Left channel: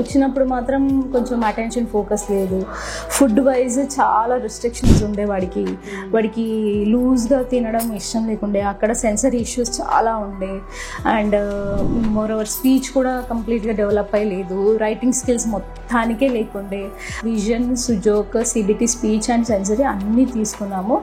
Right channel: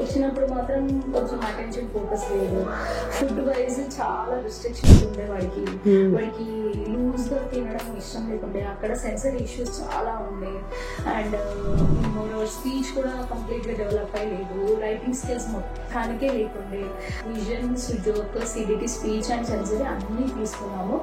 వచ్చినప్పుడు మాత్రం కొంచెం అటెన్షన్ ఫోకస్ లేదు. ఫుడ్ వైజ్ చాలా రిస్ట్రిక్షన్స్ ఉండే వాడికి లూజ్గా తినడం ఇష్టం లేకుండే. అక్కడ సెన్సరీ ఇష్యూస్ చాలా ఉండే. అండ్ మోర్ ఓవర్ స్పీచ్ కూడా కంప్లీట్గా డెవలప్ అయ్యలేదు. రైటింగ్ స్కిల్స్ మొత్తానికే లేకుండే. Vision, Sujok, CBT, speech and sensory అన్నీ తీసుకున్నాము.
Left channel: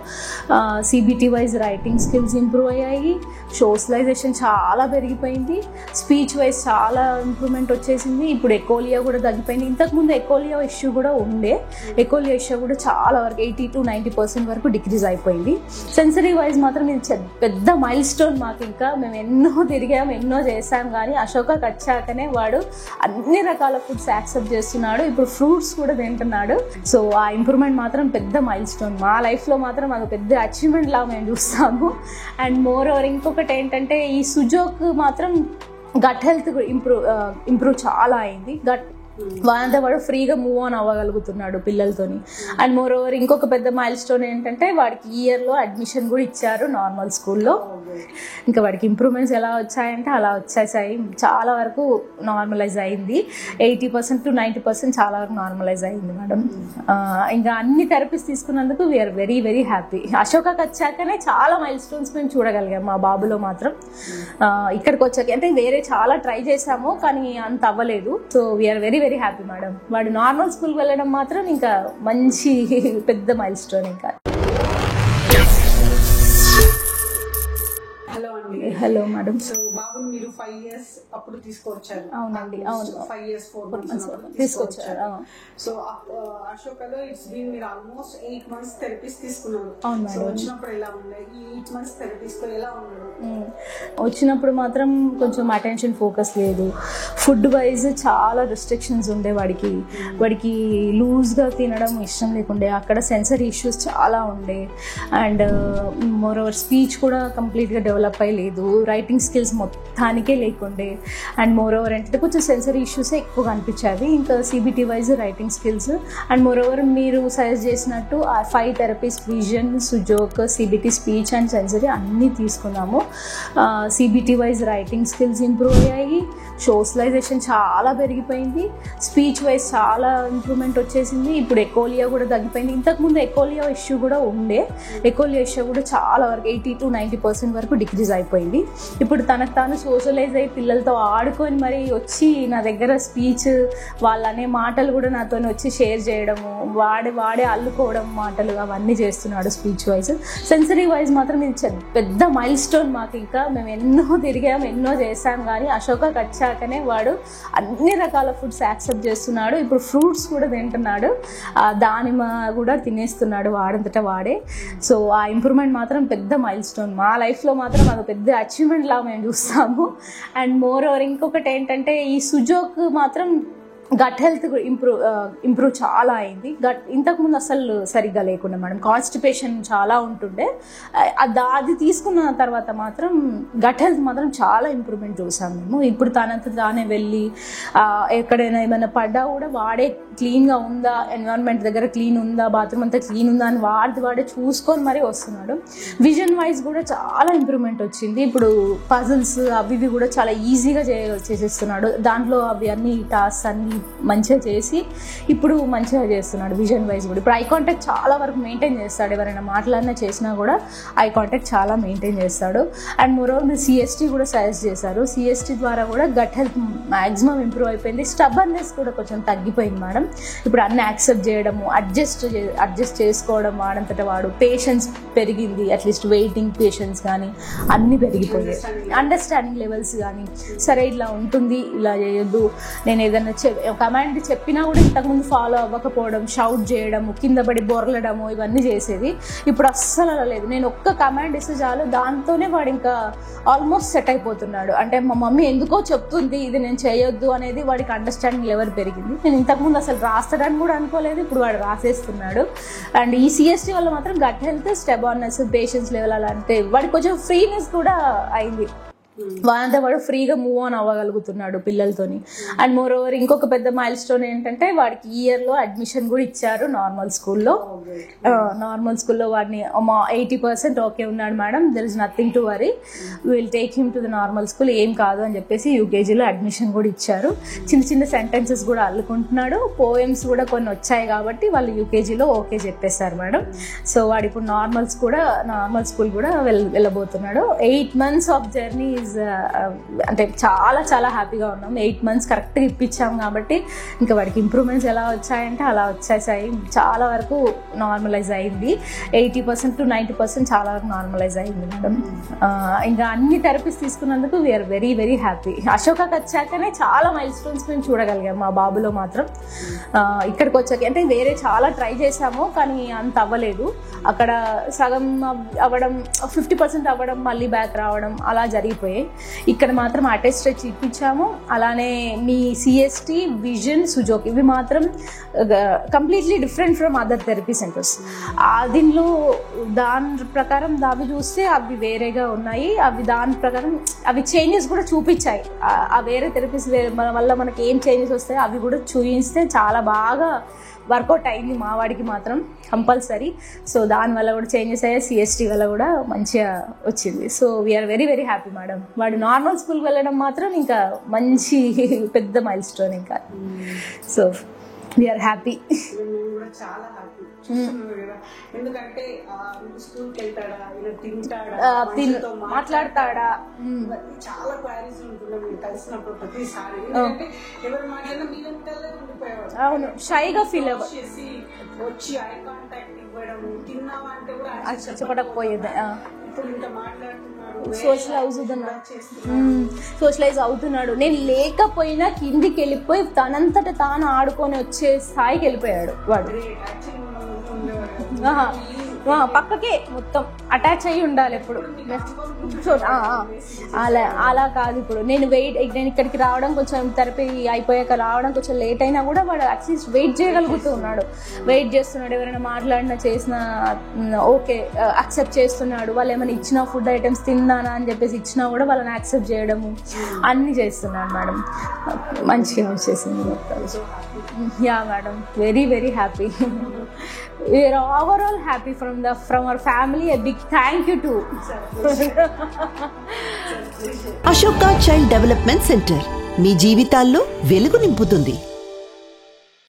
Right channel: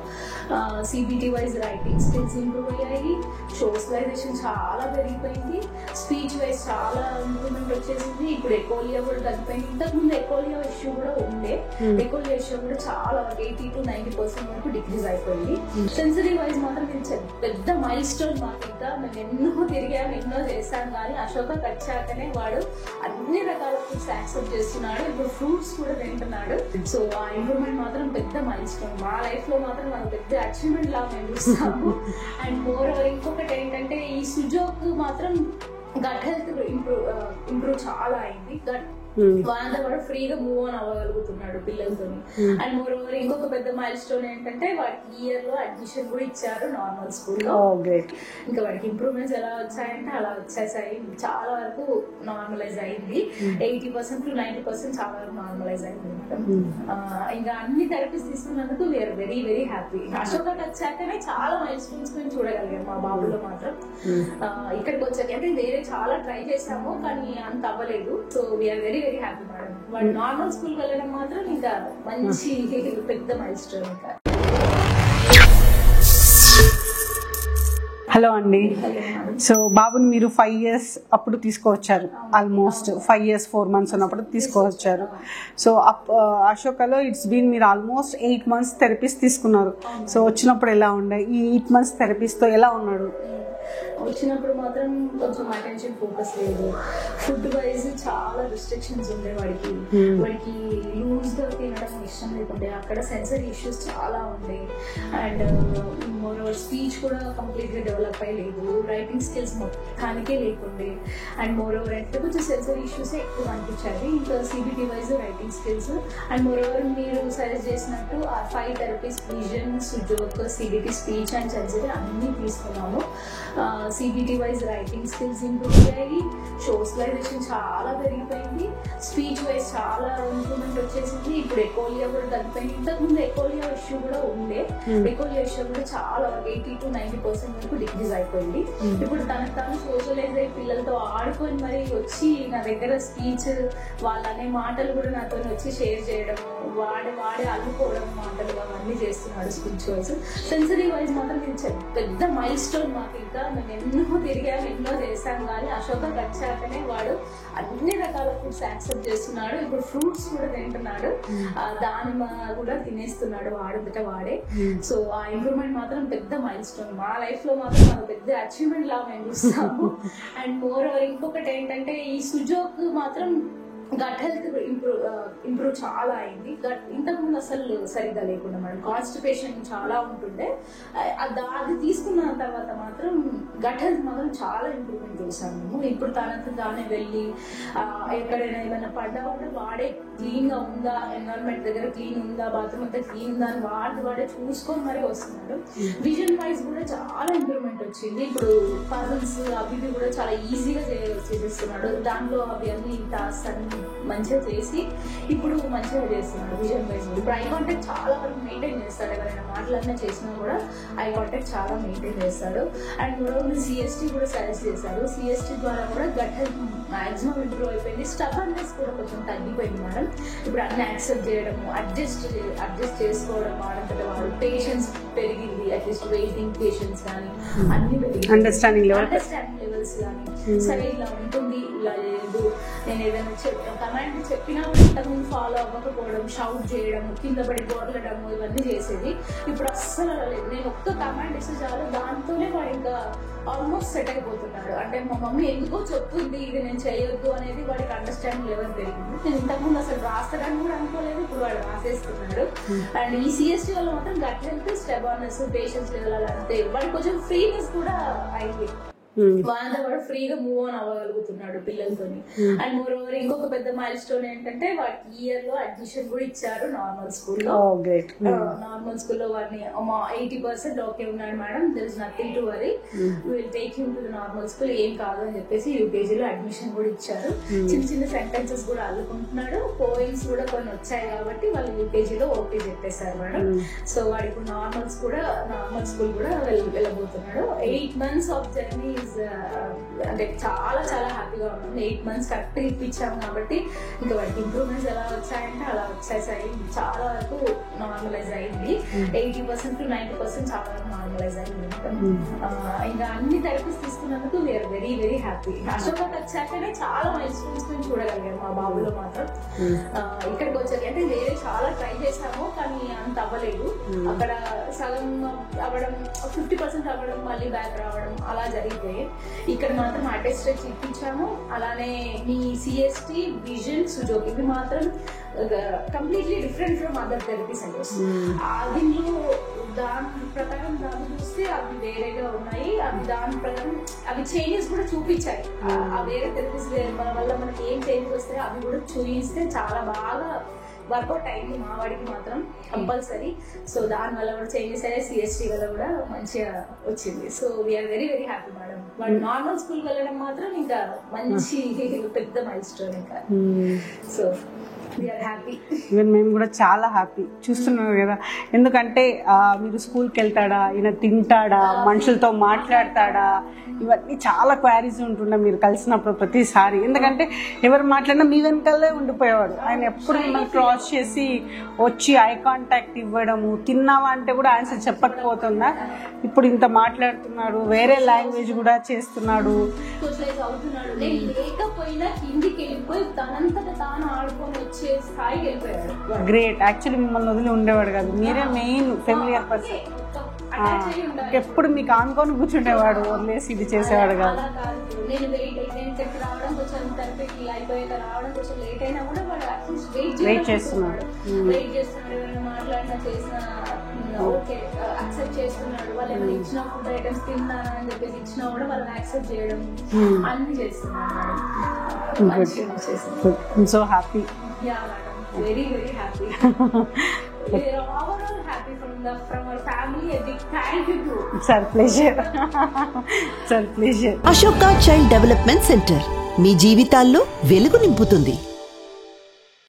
CBT wise writing skills improve అయ్యాయి. సోషలైజేషన్ చాలా పెరిగిపోయింది. స్పీచ్ వైజ్ చాలా ఇంప్రూవ్మెంట్ వచ్చేసింది. ఇప్పుడు ఎకోలియా కూడా తగ్గిపోయింది. ఇంతకుముందు ఎకోలియా ఇష్యూ కూడా ఉండే. ఎకోలియా ఇష్యూ కూడా చాలా వరకు 80 to 90% వరకు డిక్రీజ్ అయిపోయింది. సెన్సరీ వైజ్ మాత్రం ఇది పెద్ద మైల్ స్టోన్ మాకు. ఇంకా మేము ఎన్నో తిరిగాం, ఎన్నో చేసాం, కానీ అశోకకి వచ్చాకనే వాడు అన్ని రకాల ఫుడ్స్ యాక్సెప్ట్ చేస్తున్నాడు. ఇప్పుడు ఫ్రూట్స్ కూడా తింటున్నాడు. సో ఆ ఇంప్రూవ్మెంట్ మాత్రం పెద్ద మైల్ స్టోన్. మా లైఫ్లో మాత్రం అది పెద్ద అచీవ్మెంట్ లాగా మేము చూస్తాము. అండ్ మోర్ ఓవర్ ఇంకొకటి ఏంటంటే ఈ సుజోక్ మాత్రం గట్ హెల్త్ ఇంప్రూవ్ చాలా అయింది. వాడంతా వాడు ఫ్రీగా మూవ్ ఆన్ అవ్వగలుగుతున్నాడు పిల్లలతోని. అండ్ మోర్ ఓవర్ ఇంకొక పెద్ద మైల్ స్టోన్ ఏంటంటే వాడికి ఇయర్లో అడ్మిషన్ కూడా ఇచ్చారు నార్మల్ స్కూల్లో. ఇంకా వాడికి ఇంప్రూవ్మెంట్స్ ఎలా వచ్చాయంటే అలా వచ్చేసాయి. చాలా వరకు నార్మలైజ్ అయింది. 80% to 90% చాలా వరకు నార్మలైజ్ అయింది మేడం. ఇంకా అన్ని థెరపీస్ తీసుకున్నందుకు వీఆర్ వెరీ వెరీ హ్యాపీ. అశోకకి వచ్చాకనే చాలా మైల్ స్టోన్స్ మేము చూడగలిగాం మా బాబులో మాత్రం. ఇక్కడికి వచ్చాక అంటే వేరే చాలా ట్రై చేసాము కానీ అంత అవ్వలేదు. So we are very very happy madam. వాడు నార్మల్ స్కూల్ వెళ్ళడం మాత్రం ఇంకా మంచి పెద్ద మైల్ స్టోన్. ఇంకా హలో అండి. Hello madam. సో బాబుని మీరు 5 years అప్పుడు తీసుకువచ్చారు. ఆల్మోస్ట్ 5 years 4 months ఉన్నప్పుడు తీసుకువచ్చారు. సో అశోకలో మీరు ఆల్మోస్ట్ 8 months థెరపీస్ తీసుకున్నారు. సో వచ్చినప్పుడు ఎలా ఉండే? ఈ 8 months థెరపీస్ తో ఎలా ఉన్నాడు? వచ్చినప్పుడు మాత్రం కొంచెం అటెన్షన్ ఫోకస్ లేదు. ఫుడ్ వైజ్ చాలా రిస్ట్రిక్షన్స్ ఉండే. వాడికి లూజ్గా తినడం ఇష్టం లేకుండే. అక్కడ సెన్సరీ ఇష్యూస్ చాలా ఉండే. అండ్ మోర్ ఓవర్ స్పీచ్ కూడా కంప్లీట్గా డెవలప్ అయ్యలేదు. రైటింగ్ స్కిల్స్ మొత్తానికే లేకుండే. అండ్ మోర్ ఓవర్ ఏంటంటే కొంచెం సెన్సరీ ఇష్యూసే ఎక్కువ కనిపించేది. ఇంకా CBT wise writing skills and more over మీరు సజెస్ట్ చేసినట్టు 5 therapies vision, Sujok, CBT, speech and sensory అన్నీ తీసుకున్నాము. CBT wise writing skills improve అయ్యాయి. సోషలైజేషన్ చాలా పెరిగిపోయింది. స్పీచ్ వైజ్ చాలా ఇంప్రూవ్మెంట్ వచ్చేసింది. ఇప్పుడు ఎకోలియా కూడా తగ్గిపోయింది. ఇంతకుముందు ఎకోలియా ఇష్యూ కూడా ఉండే. ఎకోలియా ఇష్యూ కూడా చాలా వరకు 80 to 90% వరకు డిక్రీజ్ అయిపోయింది. ఇప్పుడు తనకు తాను సోషలైజ్ అయ్యి పిల్లలతో ఆడుకొని మరి వచ్చి నా దగ్గర స్పీచ్ వాళ్ళనే మాటలు కూడా నాతో వచ్చి షేర్ చేయడము, వాడే అల్లుకోవడం మాటలు అవన్నీ చేస్తున్నాడు స్పీచ్ వైజ్. సెన్సరీ వైజ్ మాత్రం ఇది పెద్ద మైల్ స్టోన్ మాకు. ఇంకా మేము ఎన్నో తిరిగాం, ఎన్నో చేసాం, కానీ అశోకకి వచ్చాకనే వాడు అన్ని రకాల ఫుడ్స్ యాక్సెప్ట్ చేస్తున్నాడు. ఇప్పుడు ఫ్రూట్స్ కూడా తింటున్నాడు. దానిమ్మ కూడా తినేస్తున్నాడు వాడంతటా వాడే. సో ఆ ఇంప్రూవ్మెంట్ మాత్రం పెద్ద మైల్ స్టోన్. మా లైఫ్లో మాత్రం అది పెద్ద అచీవ్మెంట్ లాగా మేము చూస్తాము. అండ్ మోర్ ఓవర్ ఇంకొకటి ఏంటంటే ఈ సుజోక్ మాత్రం గట్ హెల్త్ ఇంప్రూవ్ చాలా అయింది. ఇంతకుముందు అసలు సరిగ్గా లేకుండా మేడం. కాన్స్టిపేషన్ చాలా ఉంటుండే. అది తీసుకున్న తర్వాత మాత్రం గట్ హెల్త్ మాత్రం చాలా ఇంప్రూవ్మెంట్ చూసాం మేము. ఇప్పుడు తనంత తానే వెళ్ళి ఎక్కడైనా ఏమైనా పడ్డా కూడా వాడే క్లీన్గా ఉందా, ఎన్విరాన్మెంట్ దగ్గర క్లీన్ ఉందా, బాత్రూమ్ అంతా క్లీన్ ఉందా అని వాడే చూసుకొని మరీ వస్తున్నాడు. విజన్ వైజ్ కూడా చాలా ఇంప్రూవ్మెంట్ వచ్చింది. ఇప్పుడు పజిల్స్ అవి కూడా చాలా ఈజీగా చేసేస్తున్నాడు. దాంట్లో అవి అన్ని టాస్క్ అన్ని మంచిగా చేసి ఇప్పుడు మంచిగా చేస్తున్నాడు. విజన్ వైజ్ కూడా ఇప్పుడు ఐ కాంటాక్ట్ చాలా వరకు మెయింటైన్ చేస్తాడు. ఎవరైనా మాట్లాడినా చేసినా కూడా ఐ కాంటాక్ట్ చాలా మెయింటైన్ చేస్తాడు. అండ్ మోరోవర్ మీరు సిఎస్టీ కూడా సజెస్ట్ చేశారు. సిఎస్టీ ద్వారా కూడా గట్ హెల్త్ మ్యాక్సిమం ఇంప్రూవ్ అయిపోయింది. స్టబర్నెస్ కూడా కొంచెం తగ్గిపోయింది మేడం. ఇప్పుడు అన్ని యాక్సెప్ట్ చేయడము, అడ్జస్ట్ చేసుకోవడం వాడంతట వాడు. పేషెన్స్ పెరిగింది. అట్లీస్ట్ వెయిటింగ్ పేషెన్స్ కానీ అన్ని పెరిగింది. అండర్స్టాండింగ్ లెవెల్స్ కానీ సరే ఇలా ఉంటుంది, ఇలా చేయొద్దు, నేను ఏదైనా కమాండ్ చెప్పినా కూడా ఇంతకుముందు ఫాలో అవ్వకపోవడం, షౌట్ చేయడము, కింద పడి బొరలడము ఇవన్నీ చేసేది. ఇప్పుడు అస్సలు అలా లేదు. నేను ఒక్క కమాండ్ ఇస్తే చాలు దాంతోనే వాడు ఇంకా ఆల్మోస్ట్ సెట్ అయిపోతున్నాడు. అంటే మా మమ్మీ ఎందుకో చెప్తుంది ఇది నేను చేయొద్దు అనేది వాడికి అండర్స్టాండింగ్ లెవెల్ పెరిగింది. నేను ఇంతకుముందు అసలు రాస్తాడని కూడా అనుకోలేదు. ఇప్పుడు వాడు రాసేస్తున్నాడు. అండ్ ఈ సిఎస్టీ వల్ల మాత్రం గట్ హెల్త్, స్టెబార్నెస్, పేషెన్స్ లెవెల్ అలా అంటే వాడికి కొంచెం ఫ్రీనెస్ కూడా అయింది. వాడంతా వాడు ఫ్రీగా మూవ్ ఆన్ అవ్వగలుగుతున్నాడు పిల్లలతోని. అండ్ మోర్ ఓవర్ ఇంకొక పెద్ద మైల్ స్టోన్ ఏంటంటే వాడికి ఇయర్ లో అడ్మిషన్ కూడా ఇచ్చారు నార్మల్ స్కూల్లో. నార్మల్ స్కూల్లో వాడిని 80% ఓకే ఉన్నాడు madam, there is nothing to worry, will take him to the normal school, ఏం కాదు అని చెప్పేసి యూకేజీలో అడ్మిషన్ కూడా ఇచ్చారు. చిన్న చిన్న సెంటెన్సెస్ కూడా అల్లుకుంటున్నాడు, పోయమ్స్ కూడా కొన్ని వచ్చాయి కాబట్టి వాళ్ళు యూకేజీలో ఓకే చెప్పేశారు మేడం. సో వాడు ఇప్పుడు నార్మల్ స్కూల్ కూడా వెళ్ళబోతున్నాడు. 8 months ఆఫ్ జర్నీ అంటే చాలా చాలా హ్యాపీగా ఉన్నాం. 8 months కరెక్ట్గా ఇప్పించాం కాబట్టి ఇంకా వాడికి ఇంప్రూవ్మెంట్స్ ఎలా వచ్చాయంటే అలా వచ్చేసాయి. చాలా వరకు నార్మలైజ్ అయింది, 80% to 90% చాలా వరకు నార్మలైజ్ అయింది మేడం. ఇంకా అన్ని థెరపీస్ తీసుకున్నందుకు వీఆర్ వెరీ వెరీ హ్యాపీ. అశోకాకి వచ్చాకనే చాలా మైల్ స్టోన్స్ మేము చూడగలిగాం మా బాబులో మాత్రం. ఇక్కడికి వచ్చాక అంటే వేరే చాలా ట్రై చేసాము కానీ అంత అవ్వలేదు. అక్కడ సగం అవ్వడం, 50% అవ్వడం, మళ్ళీ బ్యాక్ రావడం అలా జరిగిపోయాయి. ఇక్కడ మాత్రం అటెస్టెడ్ ఇప్పించాము. అలానే మీ CST, విజన్, సుజోక్ ఇవి మాత్రం completely different from other therapy centres. దీనిలో దాని ప్రకారం అవి చూస్తే అవి వేరేగా ఉన్నాయి, అవి దాని ప్రకారం అవి చేంజెస్ కూడా చూపించాయి. ఆ వేరే థెరపీస్ వల్ల మనకి ఏం చేంజెస్ వస్తాయో అవి కూడా చూపిస్తే చాలా బాగా వర్కౌట్ అయింది మా వాడికి మాత్రం కంపల్సరీ. సో దానివల్ల కూడా చేంజెస్ అయ్యాయి, CST వల్ల కూడా మంచిగా వచ్చింది. So we are very very happy madam. వాడు నార్మల్ స్కూల్కి వెళ్ళడం మాత్రం ఇంకా మంచి పెద్ద మైల్ స్టోన్ ఇంకా. So we are happy. ఈవెన్ మేము కూడా చాలా హ్యాపీ చూస్తున్నారు కదా. ఎందుకంటే మీరు స్కూల్కి వెళ్తాడా, ఈయన తింటాడా, మనుషులతో మాట్లాడతాడా, ఇవన్నీ చాలా క్వారీస్ ఉంటుండే మీరు కలిసినప్పుడు ప్రతిసారి. ఎందుకంటే ఎవరు మాట్లాడినా మీ వెనకాలే ఉండిపోయేవాడు. ఆయన ఎప్పుడు క్రాస్ చేసి వచ్చి ఐ కాంటాక్ట్ ఇవ్వడము, తిన్నావా అంటే కూడా ఆన్సర్ చెప్పకపోతుందా. ఇప్పుడు ఇంత మాట్లాడుతున్నాడు, వేరే లాంగ్వేజ్ కూడా చేస్తున్నాడు, సోషలైజ్ అవుతున్నాడు. నేను లేకపోయినా కిందికి వెళ్ళిపోయి తనంతట తాను ఆడుకొని వచ్చే స్థాయికి వెళ్ళిపోయాడు. గ్రేట్. యాక్చువల్లీ మిమ్మల్ని వదిలి ఉండేవాడు కాదు, మీరే మెయిన్ పక్కకే మొత్తం అటాచ్ అయ్యి ఉండాలి. ఎప్పుడు మీకు ఆనుకొని కూర్చుండేవాడు. అలా కాదు. ఇప్పుడు నేను ఇక్కడికి రావడం కొంచెం థెరపీ అయిపోయాక రావడం కొంచెం లేట్ అయినా కూడా వాడు అట్లీస్ట్ వెయిట్ చేయగలుగుతున్నాడు. ఎవరైనా మాట్లాడినా చేసినా ఓకే అక్సెప్ట్ చేస్తున్నాడు. వాళ్ళు ఏమైనా ఇచ్చిన ఫుడ్ ఐటమ్స్ తిన్నానా అని చెప్పేసి ఇచ్చినా కూడా వాళ్ళని యాక్సెప్ట్ చేయడము అన్ని చేస్తున్నాడు మేడం. మంచిగా వచ్చేసింది. So happy. Yeah madam, very very happy. We are overall happy from our family. A big thank you to sir. Pleasure. Sir, pleasure. Ashoka child development centre మీ జీవితాల్లో వెలుగు నింపుతుంది.